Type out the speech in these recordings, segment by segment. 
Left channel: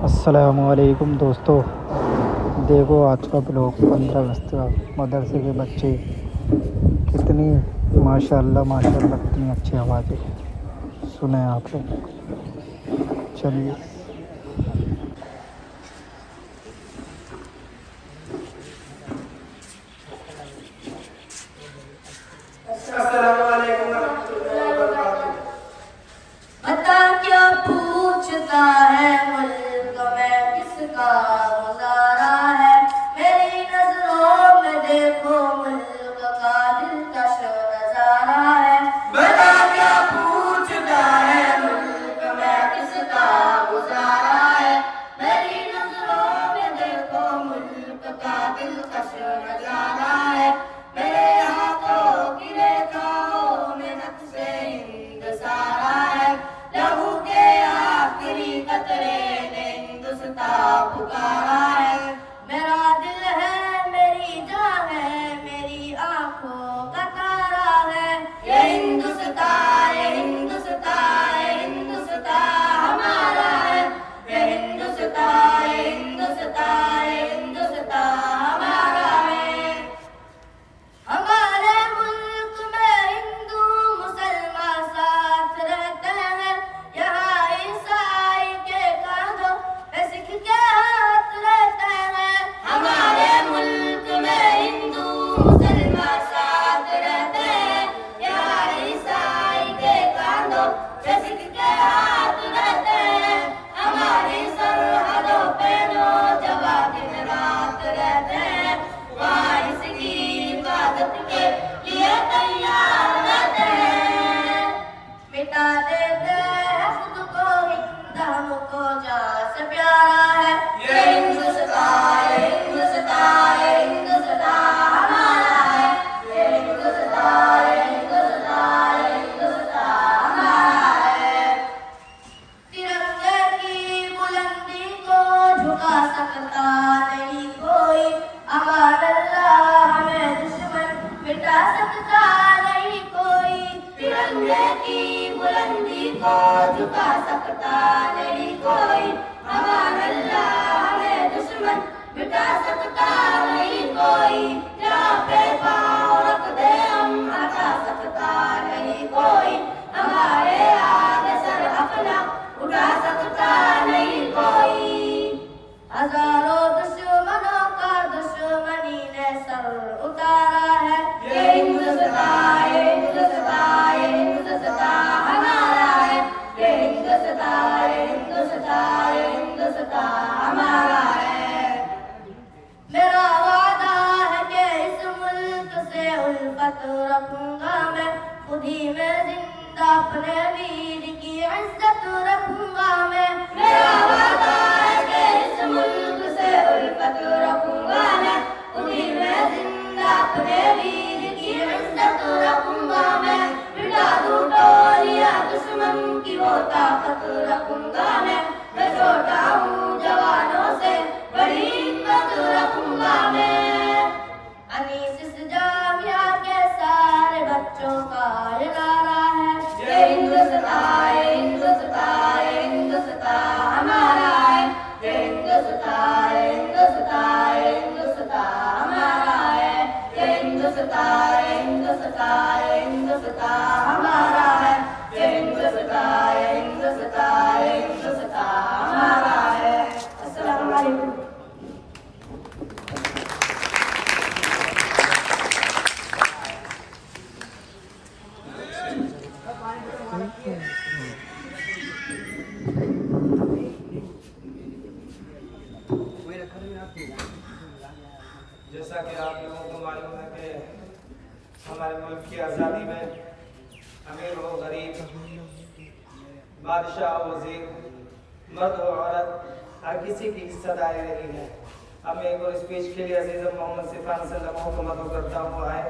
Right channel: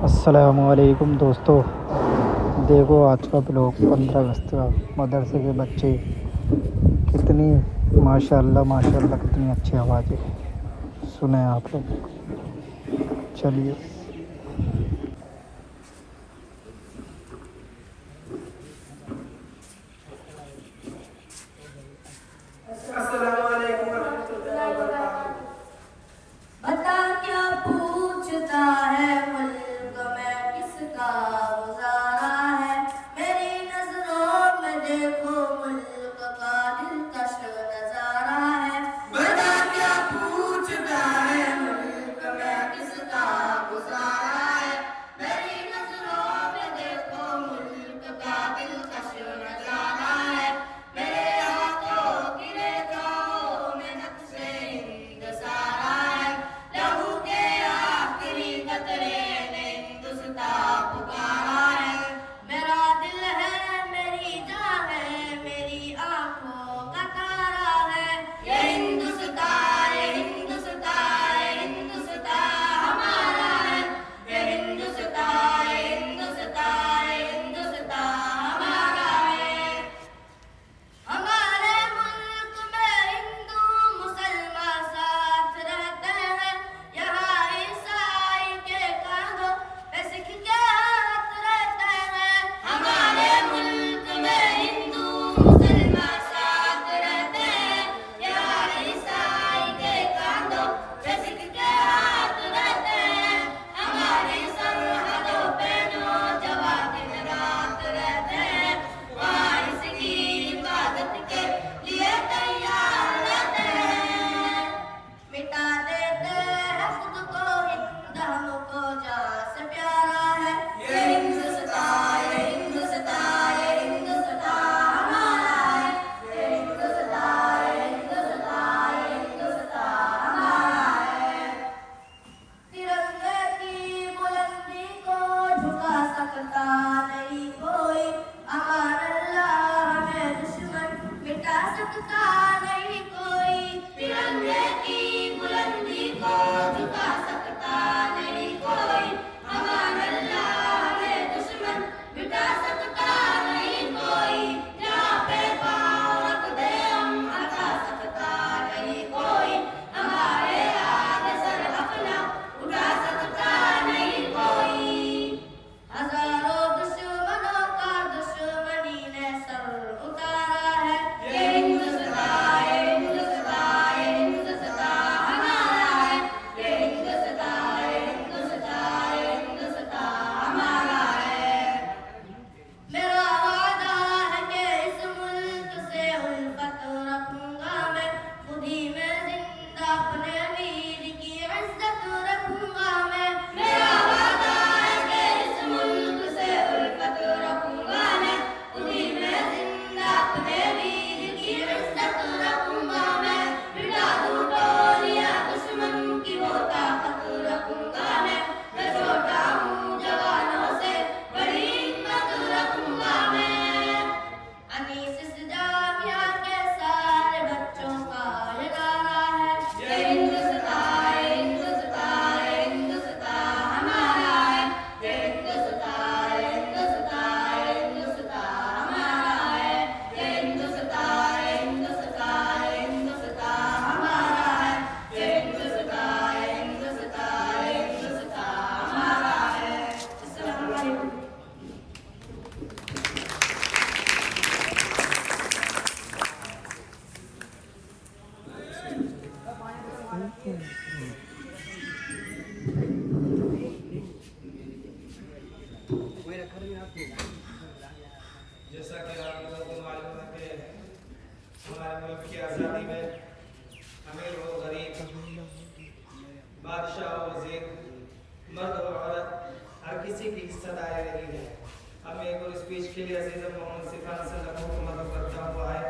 अस्सलामुअलैकुम दोस्तों। देखो आज का ब्लॉग 15 अगस्त का। मदरसे के बच्चे कितनी माशाल्लाह माशाल्लाह कितनी अच्छी आवाज़ है। सुने आप लोग, चलिए। अस्सलामुअलैकुम रहमतुल्लाहि व बरकातुहू। बता क्या पूछता है मुल्क में किसका गुजारा है। मेरी नजरों में देखो मुल्क का दिलकश नजारा है। बता क्या पूछता है मुल्क में किसका गुजारा है। मेरी नजरों में देखो मुल्क का दिलकश नजारा है। मेरे हाथों की रेखाओं में नक्शे हिंद सारा है। लहू के आखिरी कतरे ने हिंदुस्तान पुकारा है। मेरा दिल है मेरी जान है मेरी आंखों का तारा है। ये हिंदुस्तान ये हिंदुस्तान ये हिंदुस्तान हमारा है। ये हिंदुस्तान ये हिंदुस्तान ये हिंदुस्तान हमारा है। हमारे मुल्क में हिंदू मुसलमान साथ रहते हैं। यहाँ ईसाई के कांधों पे सिख के हाथ रहते हैं। हमारे मुल्क में हिंदू मुसलमान साथ रहते हैं। यहाँ ईसाई के कांधों पे सिख के हाथ रहते हैं। हमारी सरहदों पे नौजवान दिन रात रहते हैं। वहाँ इसकी हिफाजत के लिए तैयार रहते हैं। मिटा देते हैं खुद को हिंद हमको जान से प्यारा है। ये हिंदुस्तान ये हिंदुस्तान ये हिंदुस्तान हमारा है। ये हिंदुस्तान ये हिंदुस्तान ये हिंदुस्तान हमारा है। तिरंगे की बुलंदी को झुका सकता नहीं कोई। अमान अल्लाह हमें दुश्मन मिटा सकता नहीं कोई। तिरंगे की बुलंदी को झुका सकता नहीं कोई। अमान अल्लाह हमें दुश्मन मिटा सकता नहीं कोई। जहाँ पे पाँव रख दे हम हटा सकता नहीं कोई। हमारे आगे सर अपना उठा सकता नहीं कोई। हजारों दुश्मनों का दुश्मनी ने सर उतारा है। ये हिंदुस्तान ये हिंदुस्तान ये हिंदुस्तान हमारा है। ये हिंदुस्तान ये हिंदुस्तान ये हिंदुस्तान हमारा है। मेरा वादा है कि इस मुल्क से उल्फत रखूंगा मैं। खुद ही में जिंदा अपने वीर की इज्जत रखूंगा मैं। मेरा वादा है कि इस मुल्क से उल्फत रखूंगा मैं। खुद ही में जिंदा अपने वीर की इज्जत रखूंगा मैं। मिटा दूं टोलियां दुश्मन की वो ताकत रखूंगा मैं। मैं छोटा हूँ जवानों से बड़ी हिम्मत रखूंगा मैं। अनीस इस जामिया के सारे बच्चों का ये नारा है। ये हिंदुस्तान ये हिंदुस्तान ये हिंदुस्तान हमारा है। ये हिंदुस्तान ये हिंदुस्तान ये हिंदुस्तान हमारा है। ये हिंदुस्तान ये हिंदुस्तान ये हिंदुस्तान हमारा है। ये हिंदुस्तान ये हिंदुस्तान ये हिंदुस्तान हमारा है। अस्सलाम वालेकुम। जैसा कि आप लोगों को मालूम है कि हमारे मुल्क की आज़ादी में अमीर हो गरीब, बादशाह हो वजीर, मर्द हो औरत, हर किसी की हिस्सेदारी रही है। अब मैं एक और स्पीच के लिए अजीज़ मोहम्मद सिफान सल्लल्लाहु को मदद करता हूँ। आए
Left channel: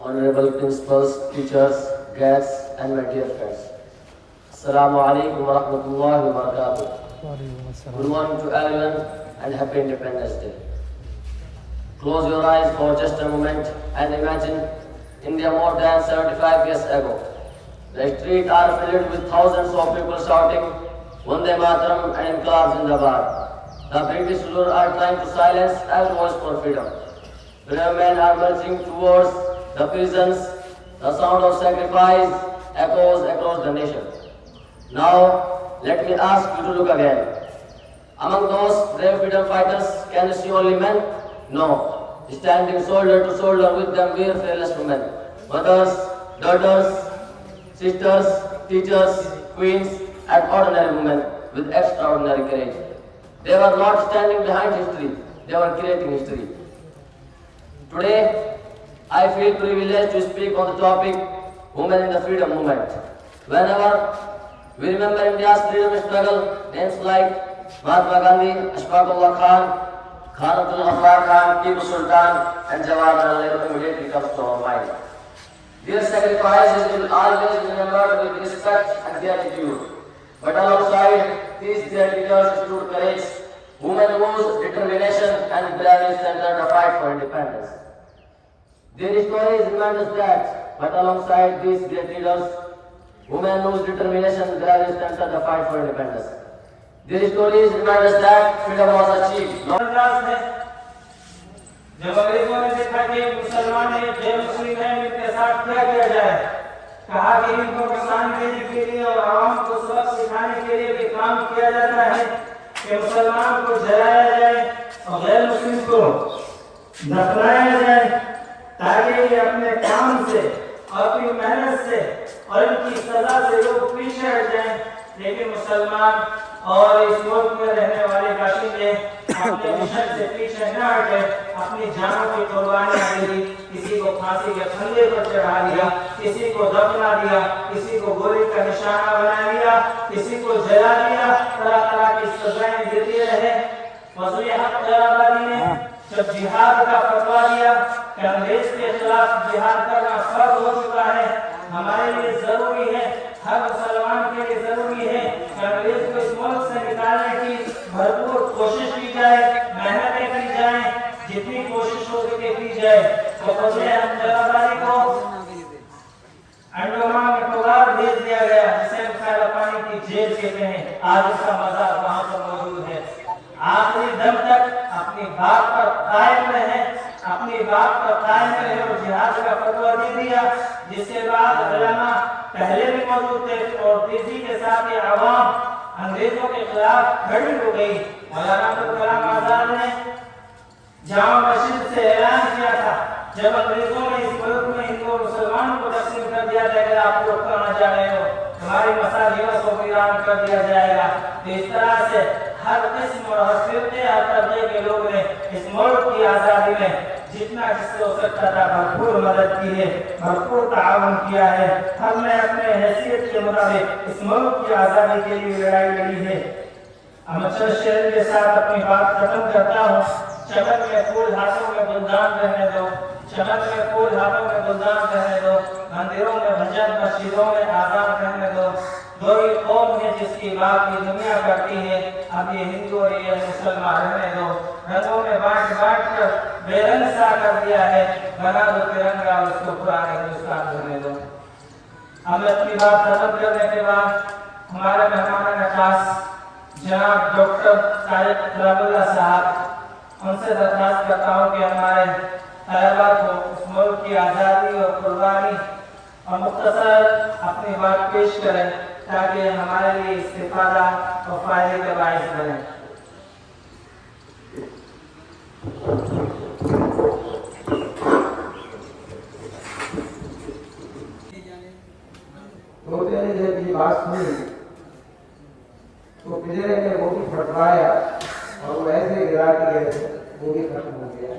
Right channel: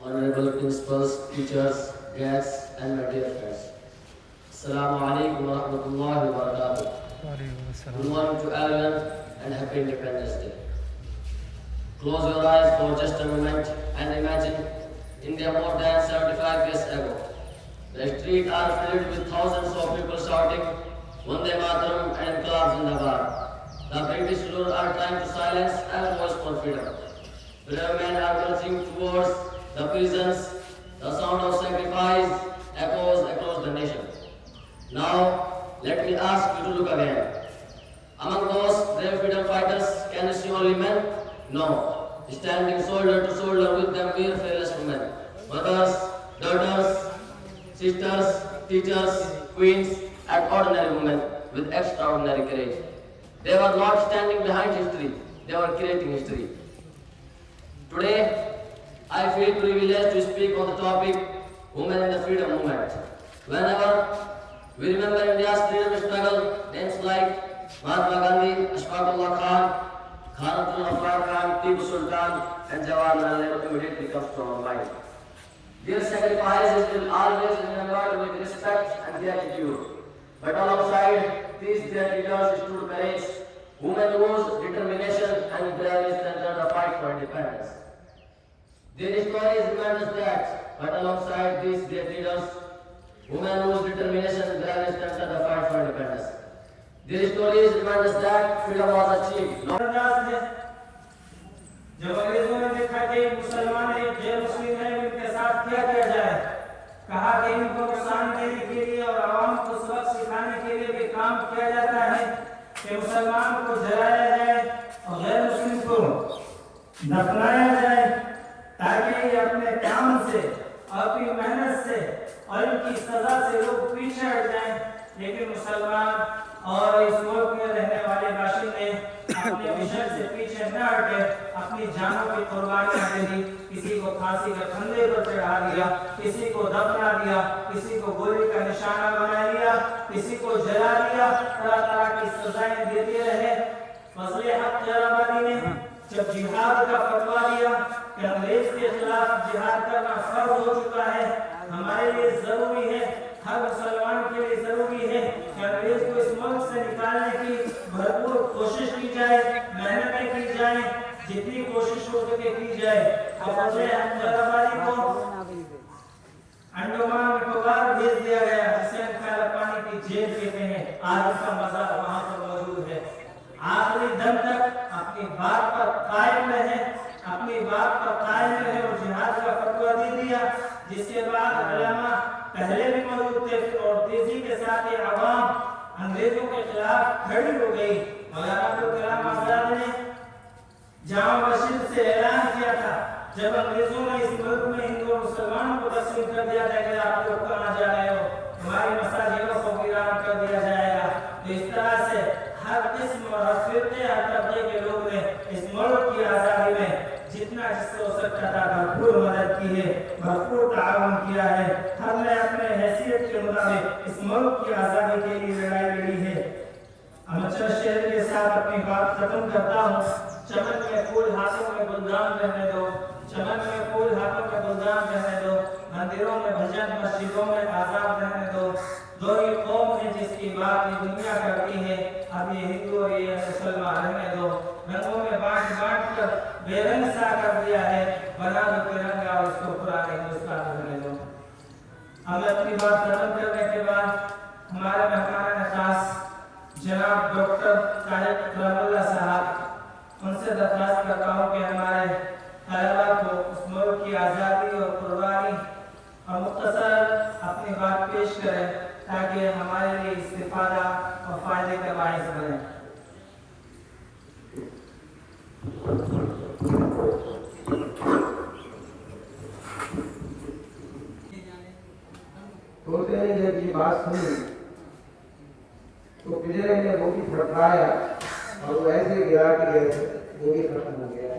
Honorable principals, teachers, guests, and my dear friends. Assalamu alaikum wa rahmatullahi wa barakatuh. वालेकुम अस्सलाम। Good morning to everyone and happy Independence Day. Close your eyes for just a moment and imagine India more than 75 years ago. The streets are filled with thousands of people shouting Vande Mataram and Inqilab Zindabad. The British rulers are trying to silence every voice for freedom. Brave men are marching towards the prisons. The sound of sacrifice echoes across the nation. Now, let me ask you to look again. Among those brave freedom fighters, can you see only men? No. Standing shoulder to shoulder with them were fearless women. Mothers, daughters, sisters, teachers, queens, and ordinary women with extraordinary courage. They were not standing behind history, they were creating history. Today, I feel privileged to speak on the topic Women in the Freedom Movement. Whenever we remember India's freedom struggle, names like Mahatma Gandhi, Ashfaq Ullah Khan, Khan Ghaffar Khan, Tipu Sultan, and Jawaharlal Nehru immediately comes to our mind. Their sacrifices will always be remembered with respect and gratitude. But alongside these their leaders stood courage, women whose determination and bravery centered the fight for independence. Their stories remind us that, but alongside these great leaders, women whose determination and bravery centered the fight for independence. Their stories remind us that freedom was achieved. जब अंग्रेजों ने देखा कि मुसलमान है, गैर मुस्लिम है, इनके साथ क्या किया जाए, कहा कि इनको नुकसान देने के लिए और आवाम को सबक सिखाने के लिए भी काम किया जाता है कि मुसलमान को जलाया जाए और गैर मुस्लिम को दफनाया जाए, ताकि ये अपने काम से और अपनी मेहनत से और इनकी सजा से लोग पीछे हट जाएं। लेकिन मुसलमान और इस मुल्क में रहने वाले बाशिंदे अपने मिशन से पीछे न हटे, अपनी जानों की कुर्बानियां दे दी। किसी को फांसी के फंदे पर चढ़ा दिया, किसी को दफना दिया, किसी को गोली का निशाना बना लिया, किसी को जला दिया, तरह तरह की सजाएं देते रहे। फजल हक खैराबादी ने जब जिहाद का फतवा दिया कि अंग्रेज के खिलाफ जिहाद करना फर्ज हो चुका है, हमारे लिए जरूरी है, हर मुसलमान के लिए जरूरी है कि अंग्रेज को इस मुल्क से निकालने की भरपूर कोशिश की जाए, मेहनतें की जाए, जितनी कोशिश हो सके की जाए। तो फजल हक खैराबादी को अंडमान निकोबार भेज दिया गया, जिसे हम खैराबादी की जेल कहते हैं। आज उसका मजार वहां पर मौजूद है। आखिरी दम तक अपनी बात पर कायम रहे, अपनी बात पर कायम रहे और जिहाद का फतवा दे दिया, जिसके बाद उलमा पहले भी मौजूद थे और तेजी के साथ ये आवाम अंग्रेजों के खिलाफ खड़ी हो गई। मौलाना अब्दुल कलाम आजाद ने जामा मस्जिद से ऐलान किया था, जब अंग्रेजों ने इस मुल्क में हिंदू और मुसलमान को तकसीम कर दिया जाएगा, आप लोग कहाँ जा रहे हो, हमारी मसाजिदों को वीरान कर दिया जाएगा। तो इस तरह से हर किस्म और हर फिरके, हर तबके के लोग ने इस मुल्क की आज़ादी में जितना जिससे हो सकता था भरपूर मदद की है, भरपूर ताउन किया है। हमने अपने हैसियत के मुताबिक इस मुल्क की आज़ादी के लिए लड़ाई लड़ी है। अमर शेर के साथ अपनी बात खत्म करता हूँ। चमन में फूल हाथों में गुलदान रहने दो, चमन में फूल हाथों में गुलदान रहने दो, मंदिरों में भजन, मस्जिदों में आज़ान रहने दो। दो ही कौम है जिसकी बात ये दुनिया करती है, अब ये हिंदू और ये मुसलमान रहने दो। रंगों में बांट बांट कर बेरंग सा कर दिया है, बना दो तिरंगा और उसको पुराने हिंदुस्तान रहने दो। अब अपनी बात खत्म करने के बाद हमारे मेहमान खास जनाब डॉक्टर तारिक कलामुल्लाह साहब, उनसे दरख्वास्त करता हूँ कि हमारे तलबा को इस मुल्क की आज़ादी और कुर्बानी और मुख्तसर अपनी बात पेश करें, ताकि हमारे लिए इस्तिफादा और फायदे का बायस बने। की बात सुनी तो पिंजरे में वो भी फटकाया और वो ऐसे गिरा कि वो भी खत्म हो गया।